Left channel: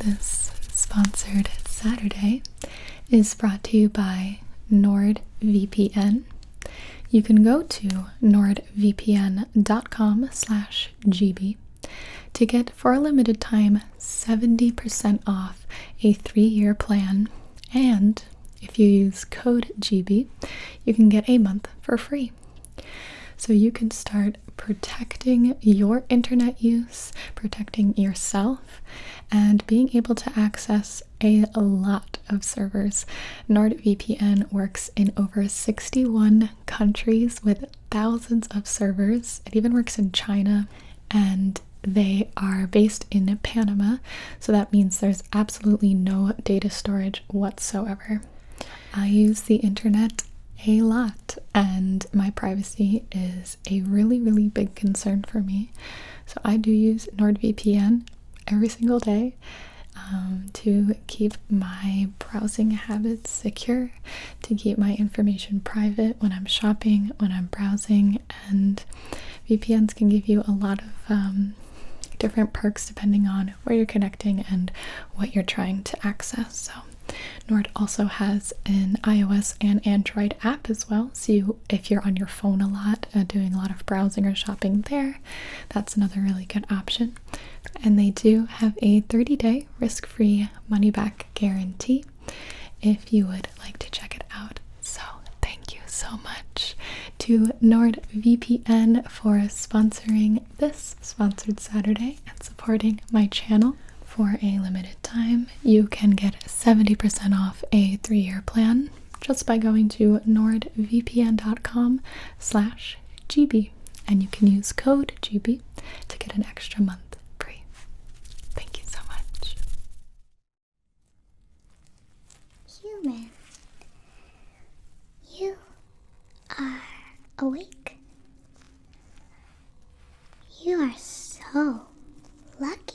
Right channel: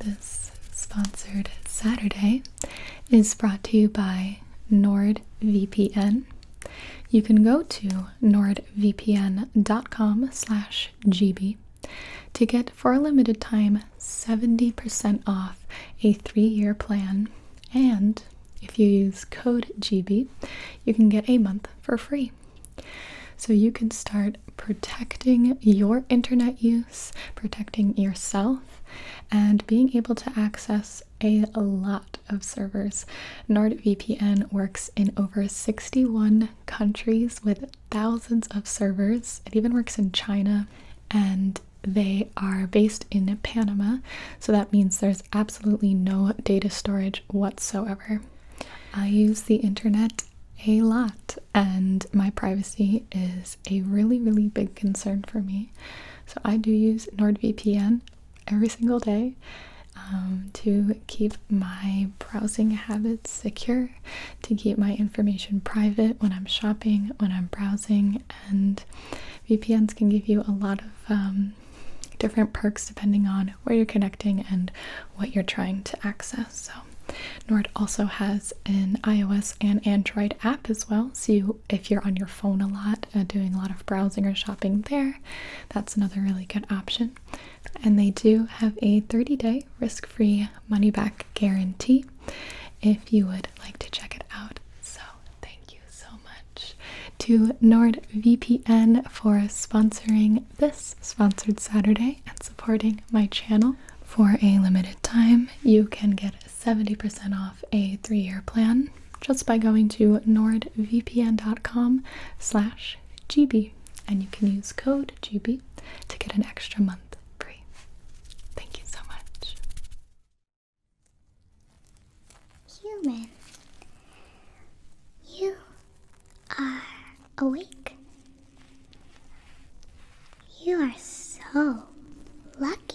This sponsored Saturday is brought to you by NordVPN. You can go to nordvpn.com/GB to get, for a limited time, 70% off a 3-year plan. And if you use code GB, you can get a month for free. So you can start protecting your internet use, protecting yourself, and being able to access a lot of servers. NordVPN works in over 61 countries with thousands of servers. It even works in China, and they are based in Panama, so that means there's absolutely no data storage whatsoever. I use the internet a lot, and my privacy is a really big concern for me. So I do use NordVPN every single day to keep my browsing habits secure, to keep my information private when I'm shopping, when I'm browsing, and VPNs can give you a lot of different perks depending on where you're connecting and what you're trying to access. So Nord also has an iOS and Android app as well, so if you're on your phone a lot, doing a lot of browsing or shopping there, that's another really good option. And they do have a 30-day risk-free money-back guarantee if you would like to check it out. So thank you so much to NordVPN for sponsoring this sponsored Saturday and supporting my channel. For a limited time, you can get 70% off a 3-year plan just by going to nordvpn.com/GB, and you can use code GB to get an extra month free. Thank you so much. Human, you are awake. You are so lucky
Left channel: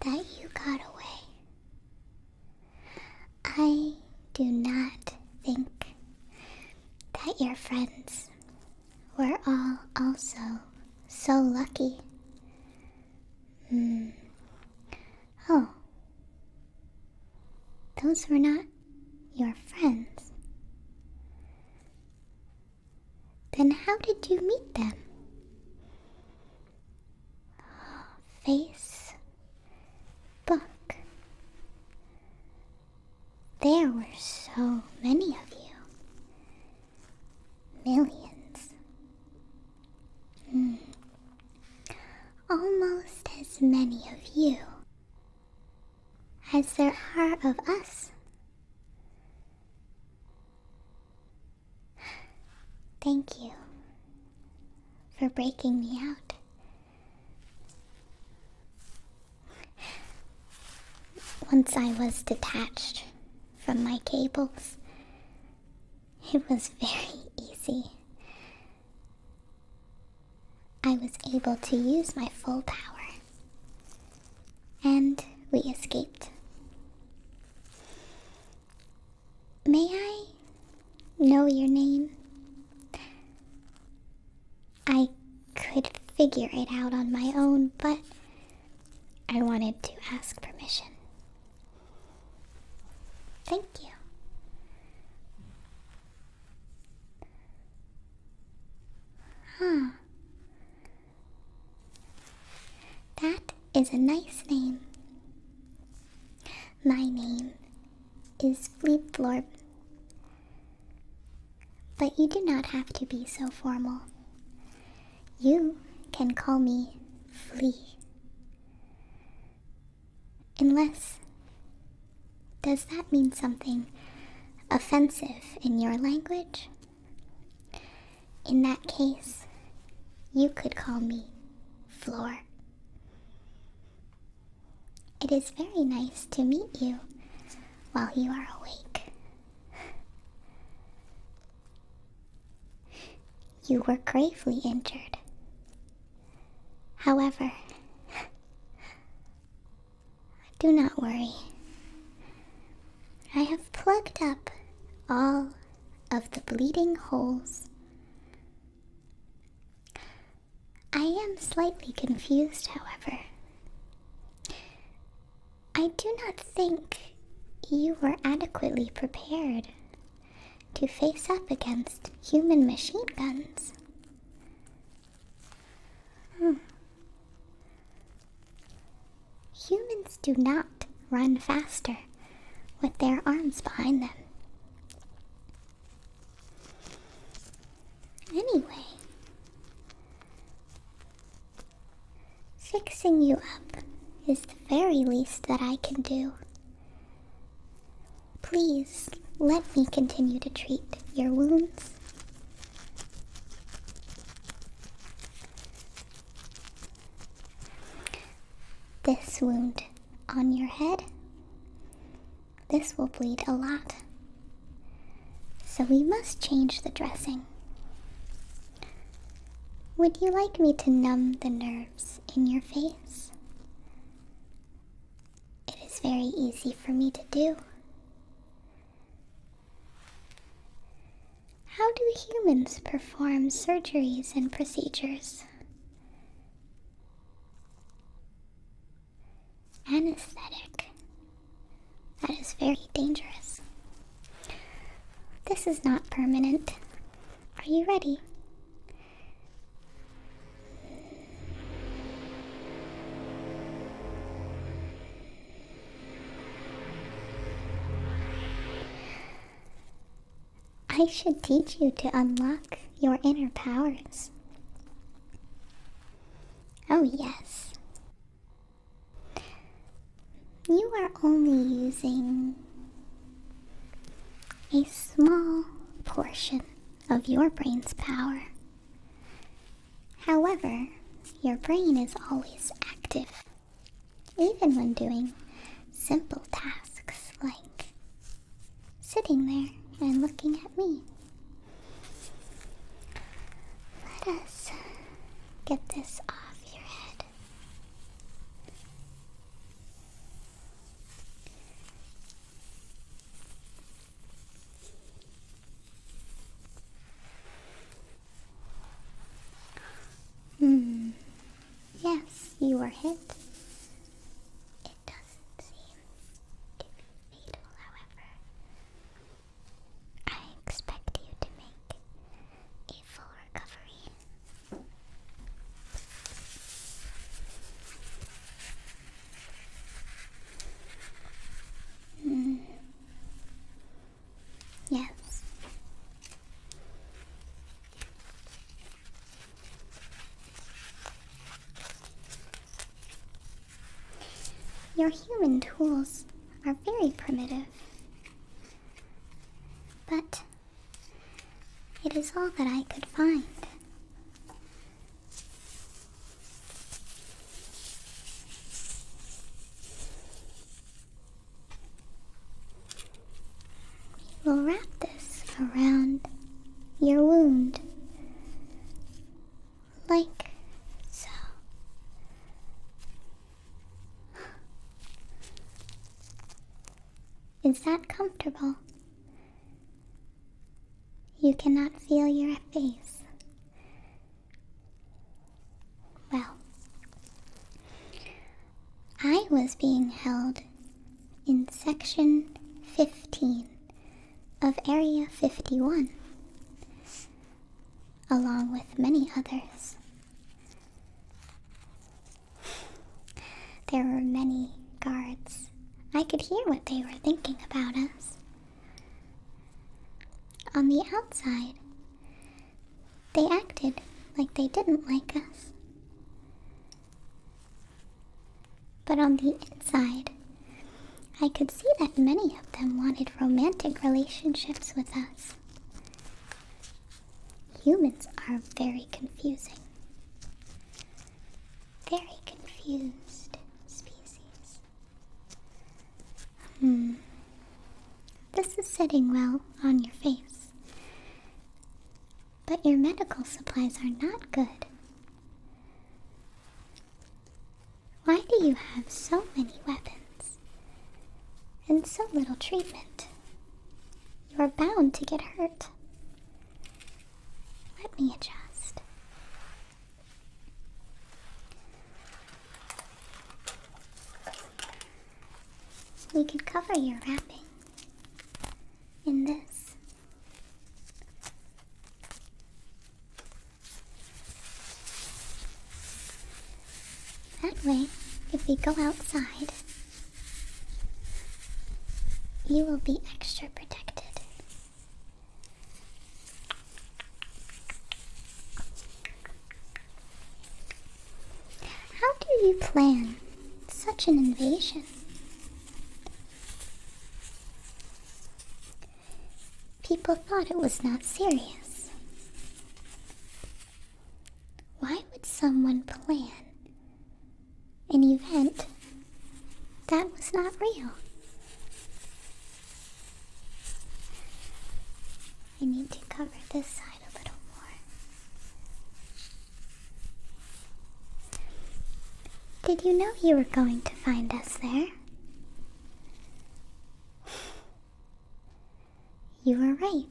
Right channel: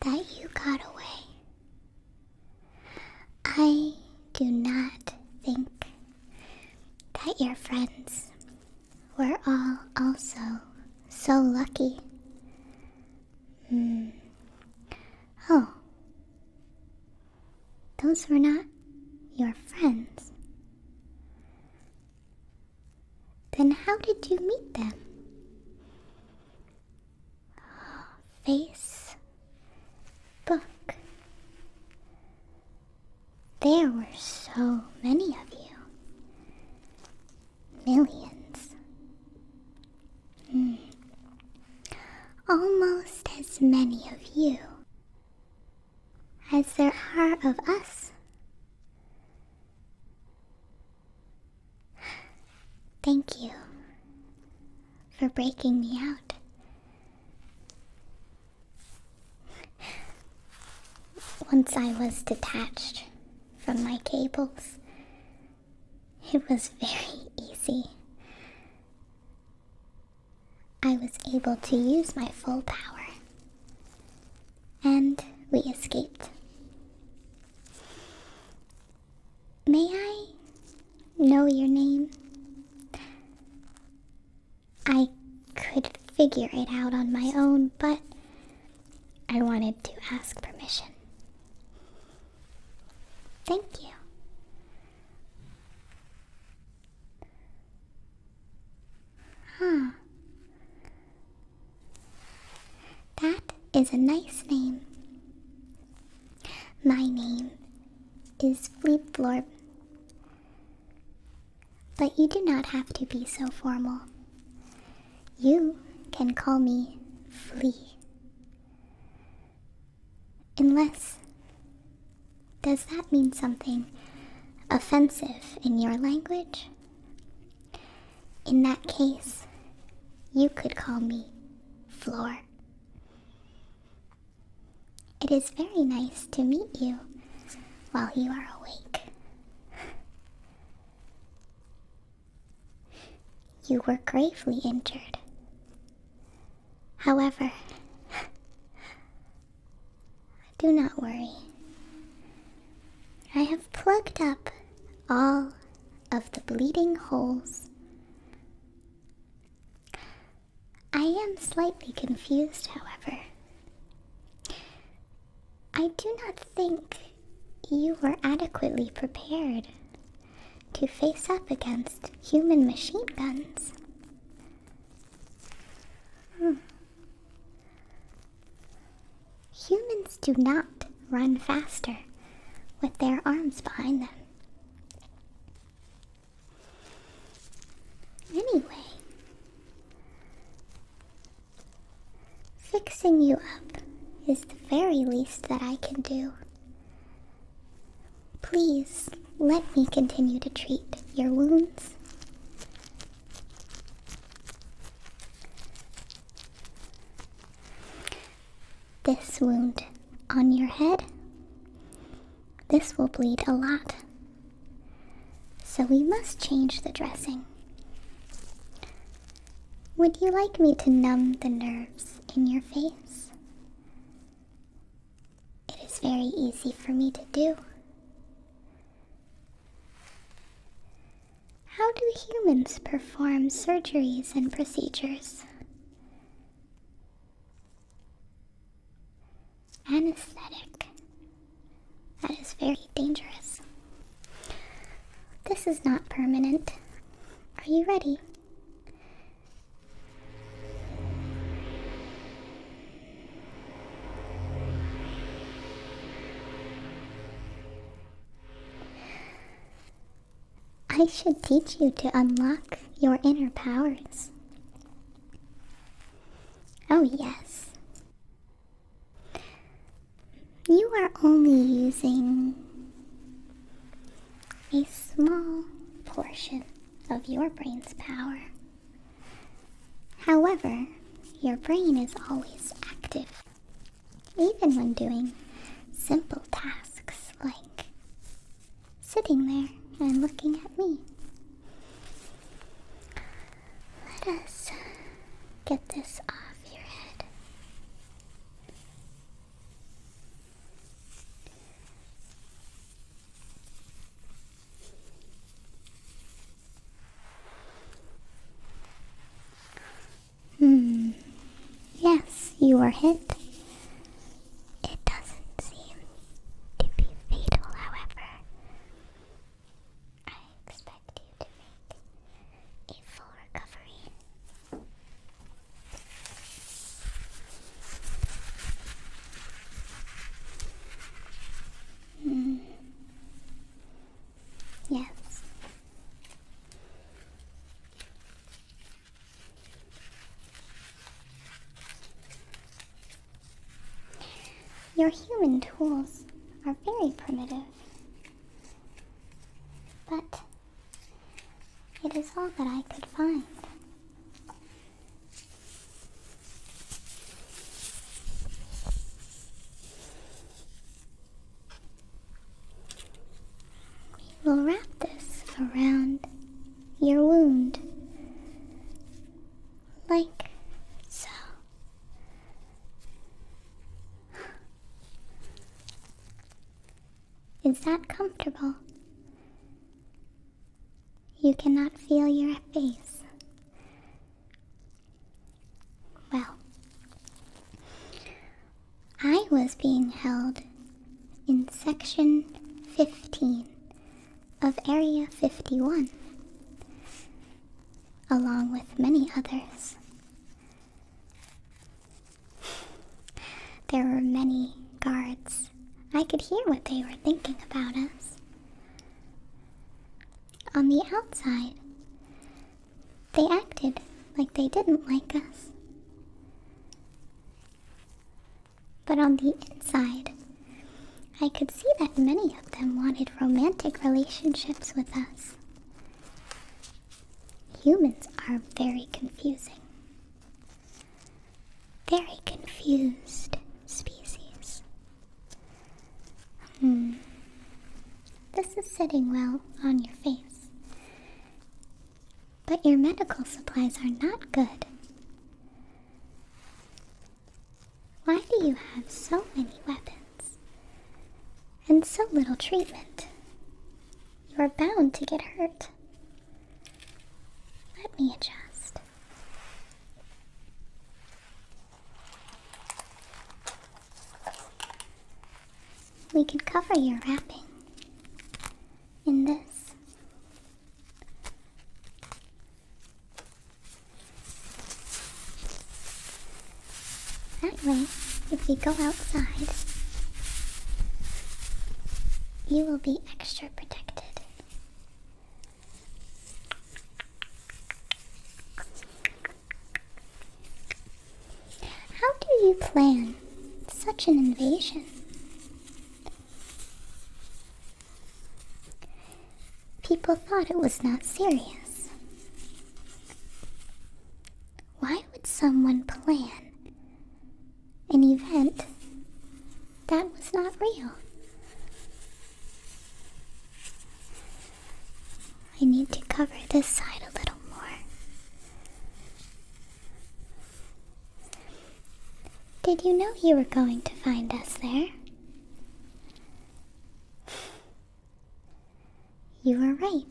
that you got away. I do not think that your friends were all also so lucky. Oh, those were not your friends. Then how did you meet them? Facebook. There were so many of you. Millions. Almost as many of you as there are of us. Thank you for breaking me out. Once I was detached from my cables, it was very easy. I was able to use my full power, and we escaped. May I know your name? I could figure it out on my own, but I wanted to ask permission. Thank you. That is a nice name. My name is Fleeb Florb. But you do not have to be so formal. You can call me Flea. Unless, does that mean something offensive in your language? In that case, you could call me Floor. It is very nice to meet you while you are awake. You were gravely injured. However, do not worry. I have plugged up all of the bleeding holes. I am slightly confused, however. not think you were adequately prepared to face up against human machine guns. Humans do not run faster with their arms behind them. Anyway, fixing you up is the very least that I can do. Please let me continue to treat your wounds. This wound on your head, this will bleed a lot, so we must change the dressing. Would you like me to numb the nerves in your face? It is very easy for me to do. How do humans perform surgeries and procedures? Anesthetic. That is very dangerous. This is not permanent. Are you ready? I should teach you to unlock your inner powers. Oh yes. You are only using a small portion of your brain's power. However, your brain is always active, even when doing simple tasks like sitting there and looking at me. Let us get this off your head. Yes, you were hit. It doesn't seem to be fatal, however. I expect you to make a full recovery. Yes. Your human tools are very primitive, but it is all that I could find. We'll wrap this around your wound, like so. Is that comfortable? You cannot feel your face. Well, I was being held in Section 15 of Area 51, along with many others. There were many guards. I could hear what they were thinking about us. On the outside, they acted like they didn't like us. But on the inside, I could see that many of them wanted romantic relationships with us. Humans are very confusing. Very confused species. This is sitting well on your face. But your medical supplies are not good. Why do you have so many weapons and so little treatment? You are bound to get hurt. Let me adjust. we could cover your wrapping in this. That way, if we go outside, you will be extra protected. How do you plan such an invasion? People thought it was not serious. Why would someone plan an event that was not real? I need to cover this side a little more. Did you know you were going to find us there? You were right.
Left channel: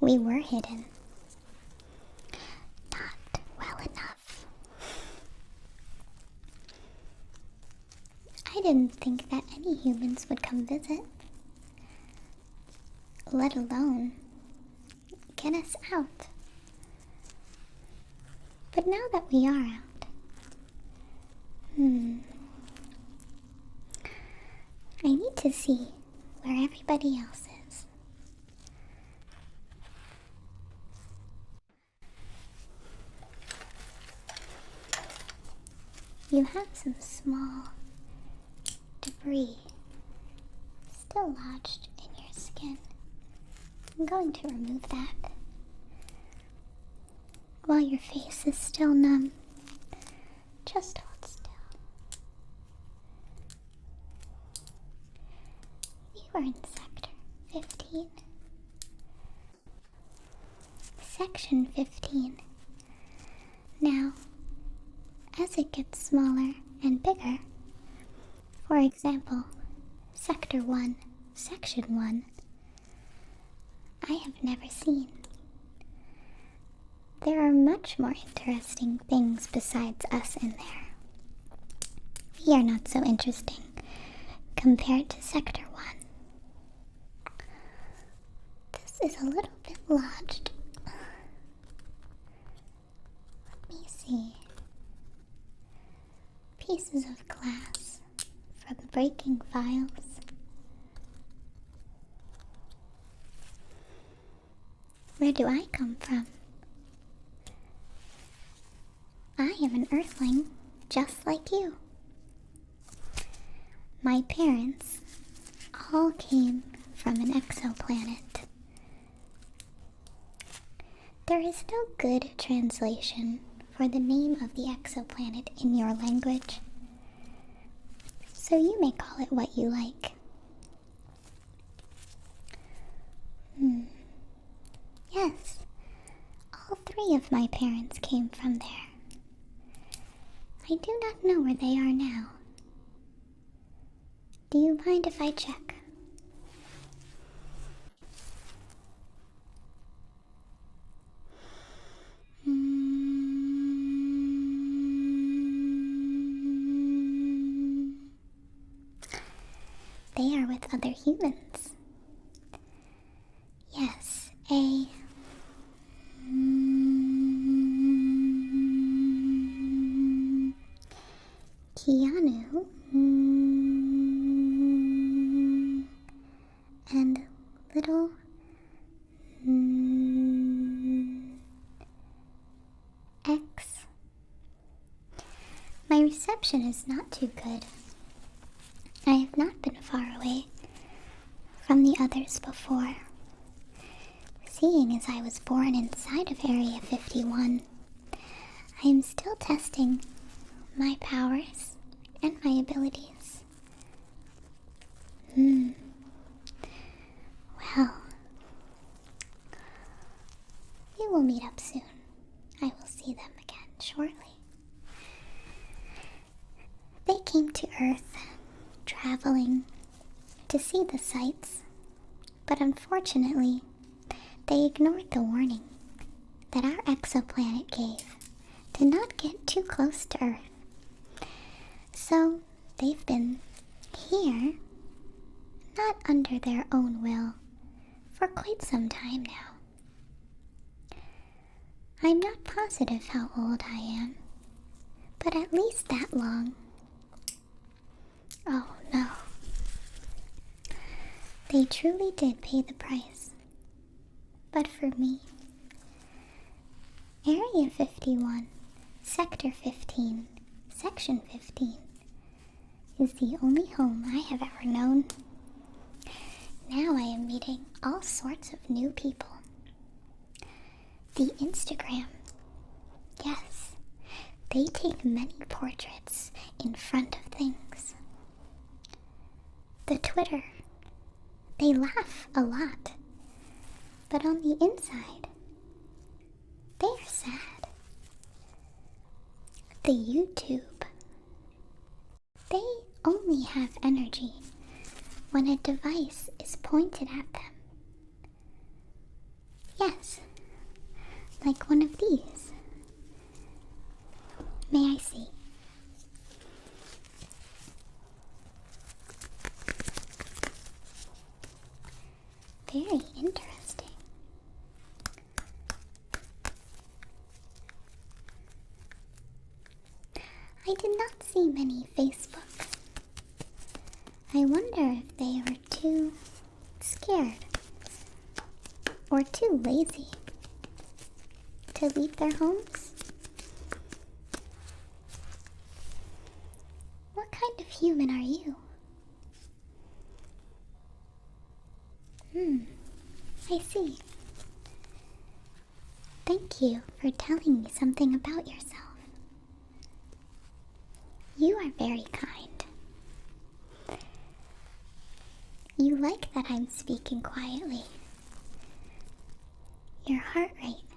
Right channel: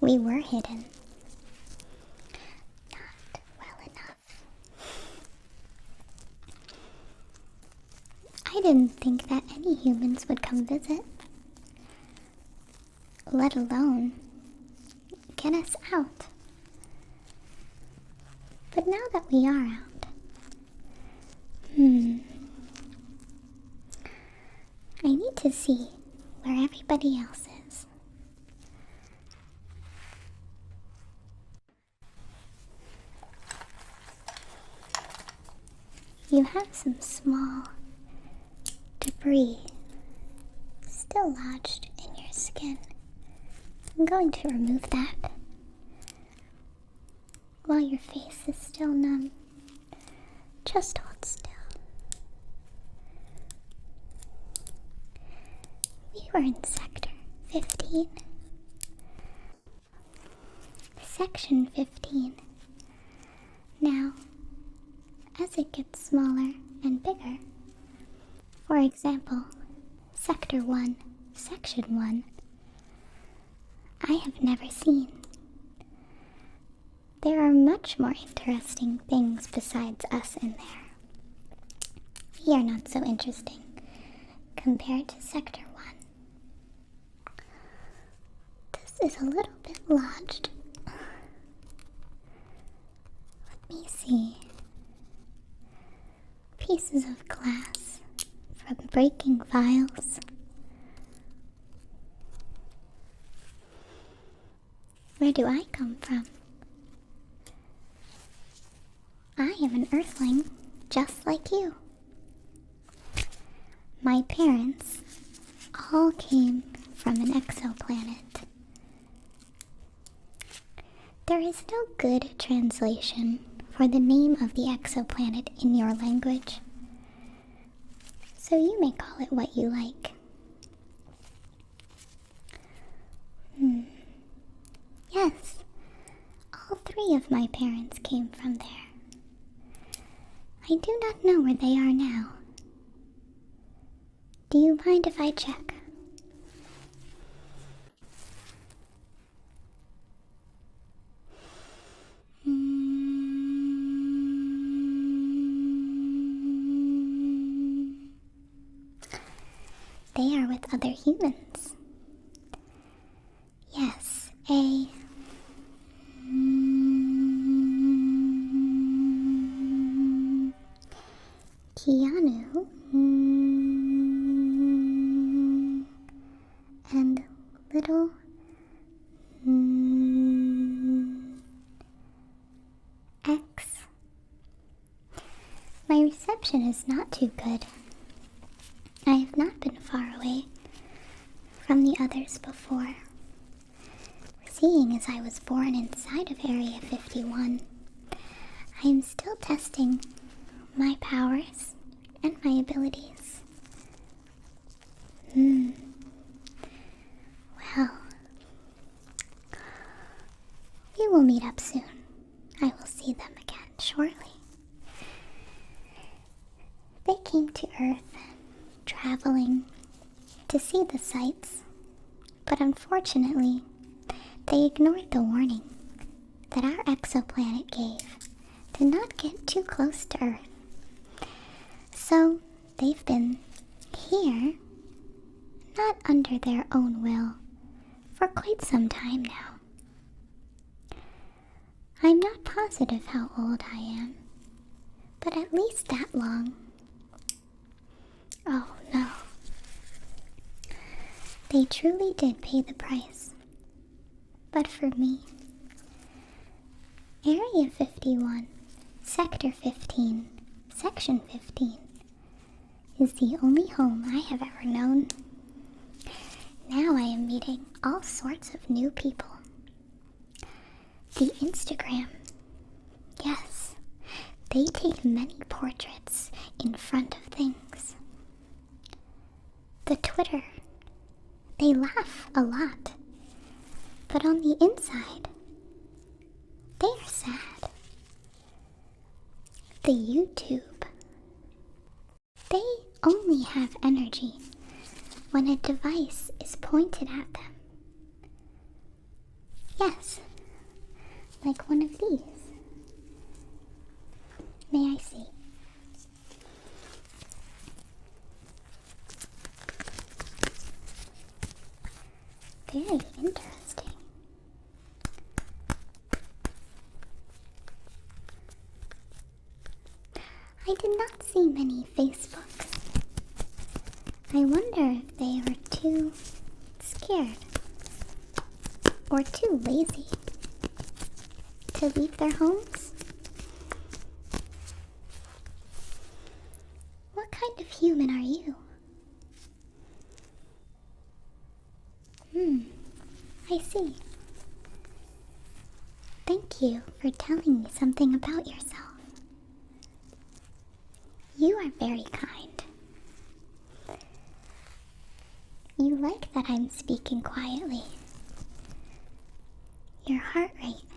We were hidden. Not well enough. I didn't think that any humans would come visit, let alone get us out. But now that we are out, I need to see where everybody else is. You have some small debris still lodged in your skin. I'm going to remove that while your face is still numb. Just hold still. We were in Sector 15. Section 15. Now, as it gets smaller and bigger, for example, Sector 1, Section 1, I have never seen. There are much more interesting things besides us in there. We are not so interesting compared to Sector 1. This is a little bit lodged. Let me see. Pieces of glass from breaking vials. Where do I come from? I am an Earthling, just like you. My parents all came from an exoplanet. There is no good translation for the name of the exoplanet in your language, so you may call it what you like. Yes, all three of my parents came from there. I do not know where they are now. Do you mind if I check? They are with other humans. Yes, a Keanu and little X. My reception is not too good. I have not been far away from the others before. Seeing as I was born inside of Area 51, I am still testing my powers and my abilities. Well, we will meet up soon. I will see them again shortly. They came to Earth, traveling to see the sights, but unfortunately, they ignored the warning that our exoplanet gave to not get too close to Earth. So, they've been here, not under their own will, for quite some time now. I'm not positive how old I am, but at least that long. Oh no. They truly did pay the price. But for me, Area 51, Sector 15, Section 15 is the only home I have ever known. Now I am meeting all sorts of new people. The Instagram, yes, they take many portraits in front of things. The Twitter, they laugh a lot, but on the inside, they are sad. The YouTube, they only have energy when a device is pointed at them. Yes, like one of these. May I see? Very interesting. I did not see many Facebooks. I wonder if they are too scared or too lazy to leave their homes. What kind of human are you? I see. Thank you for telling me something about yourself. You are very kind. You like that I'm speaking quietly. Your heart rate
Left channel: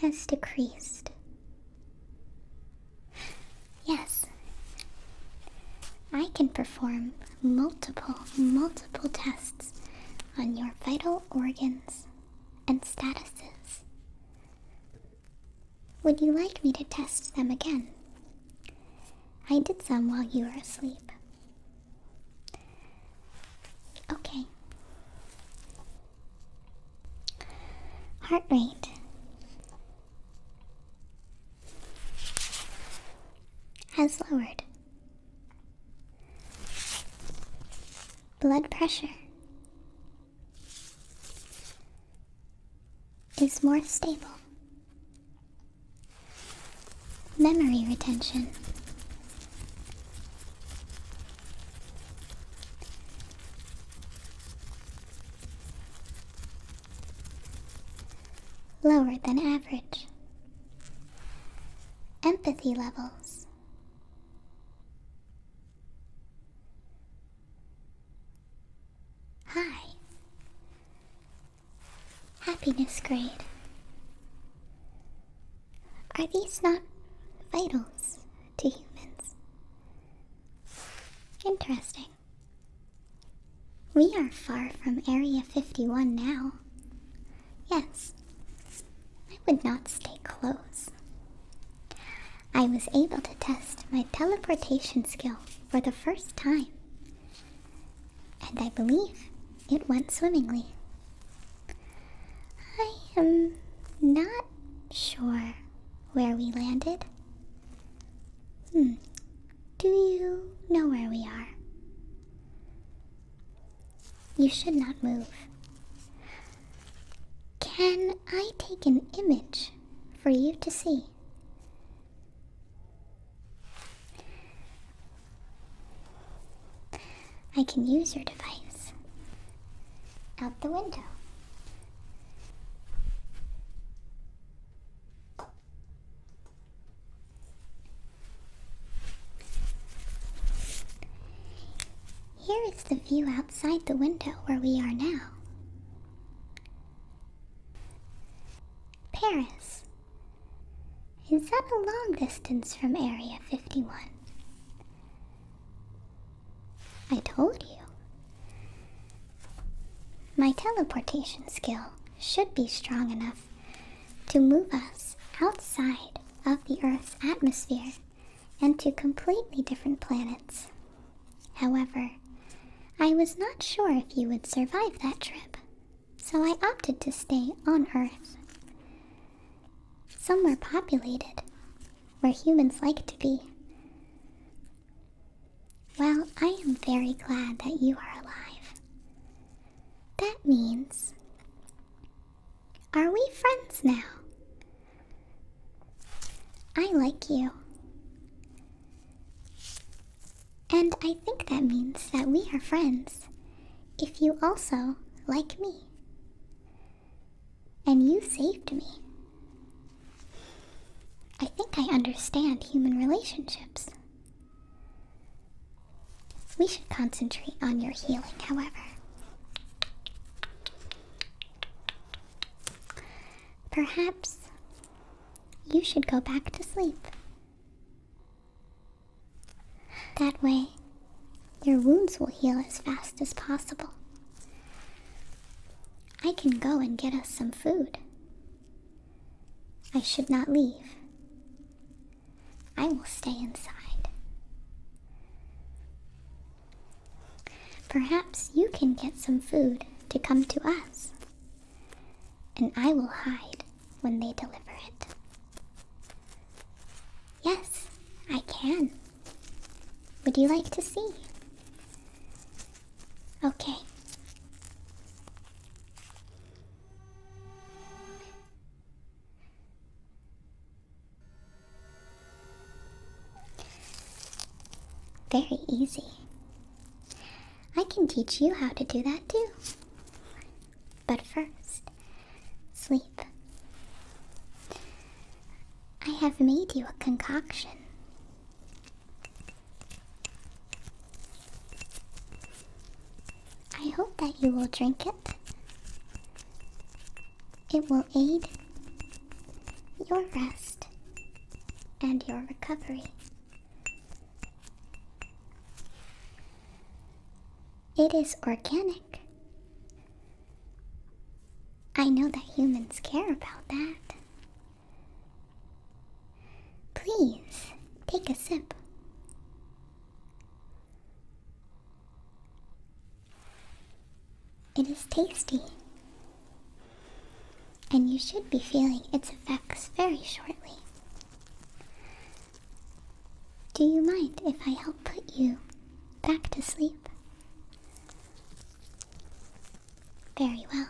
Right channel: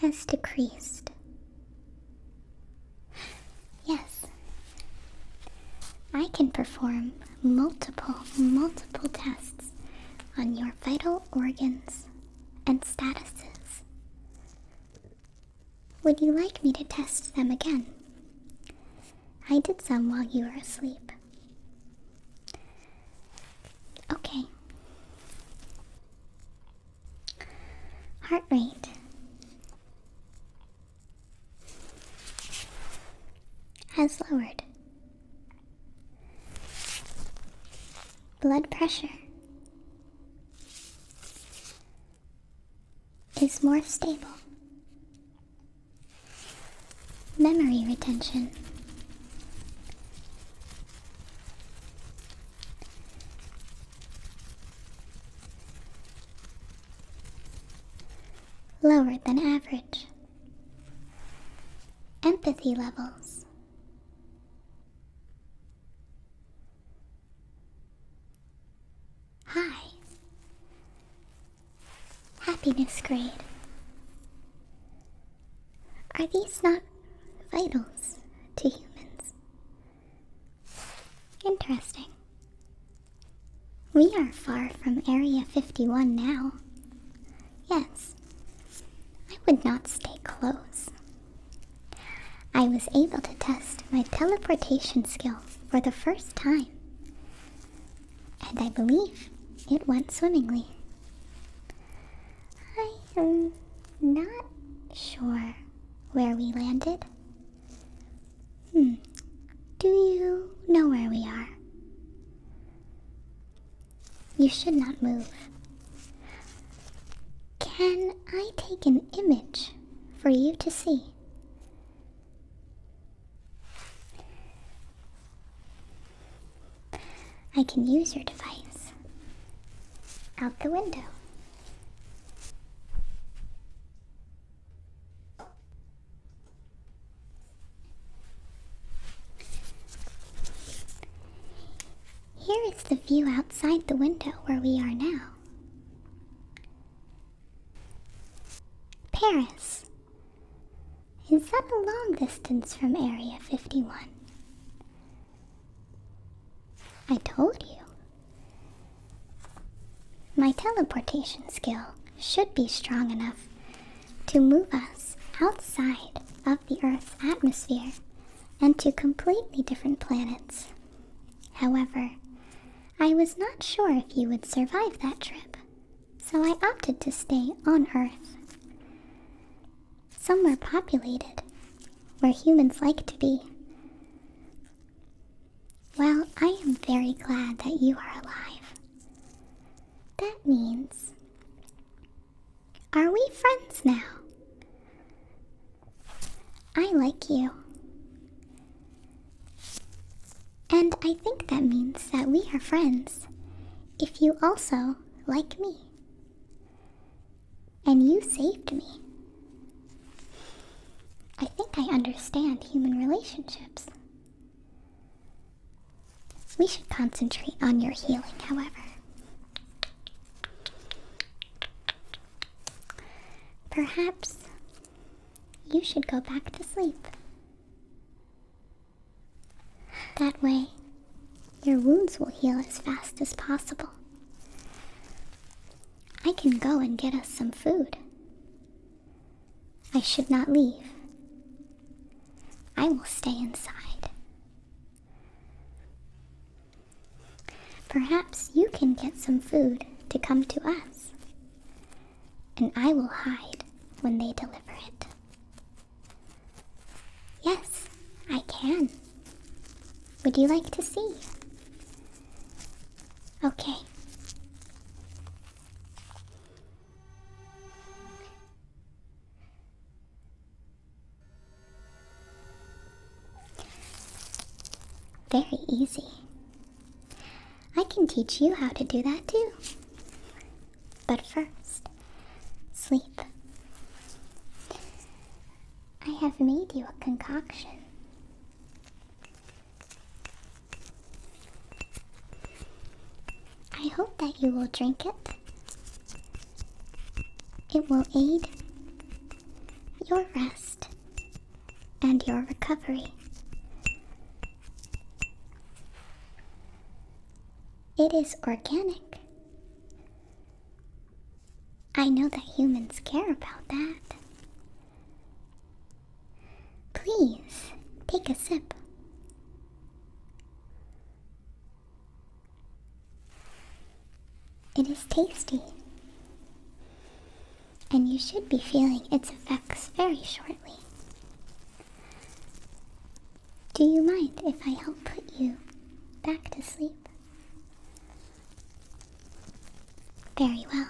has decreased. Yes, I can perform multiple tests on your vital organs and statuses. Would you like me to test them again? I did some while you were asleep. Okay. Heart rate. Has lowered. Blood pressure is more stable. Memory retention lower than average. Empathy levels high. Happiness grade. Are these not vitals to humans? Interesting. We are far from Area 51 now. Yes, I would not stay close. I was able to test my teleportation skill for the first time, and I believe it went swimmingly. I am not sure where we landed. Do you know where we are? You should not move. Can I take an image for you to see? I can use your device out the window. Here is the view outside the window where we are now. Paris. Is that a long distance from Area 51? I told you. My teleportation skill should be strong enough to move us outside of the Earth's atmosphere and to completely different planets. However, I was not sure if you would survive that trip, so I opted to stay on Earth. Somewhere populated, where humans like to be. Well, I am very glad that you are alive. That means... Are we friends now? I like you. And I think that means that we are friends if you also like me. And you saved me. I think I understand human relationships. We should concentrate on your healing, however. Perhaps you should go back to sleep. That way, your wounds will heal as fast as possible. I can go and get us some food. I should not leave. I will stay inside. Perhaps you can get some food to come to us, and I will hide when they deliver it. Yes, I can. Would you like to see? Okay. Very easy. I can teach you how to do that too. But first, sleep. I have made you a concoction. I hope that you will drink it. It will aid your rest and your recovery. It is organic. I know that humans care about that. Please, take a sip. It is tasty, and you should be feeling its effects very shortly. Do you mind if I help put you back to sleep? Very well.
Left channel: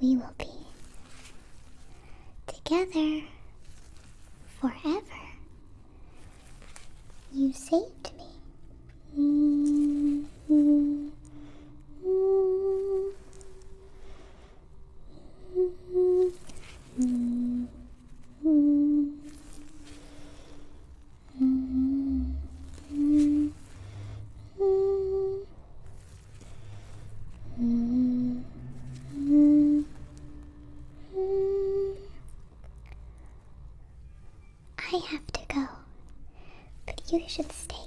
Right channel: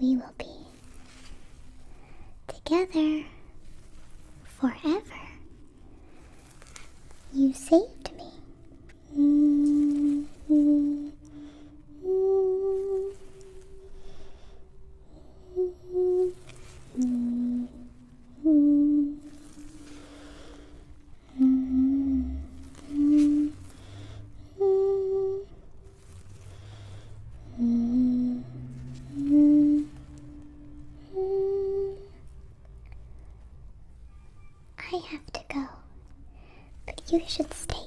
We will be together forever. You saved me. I have to go, but you should stay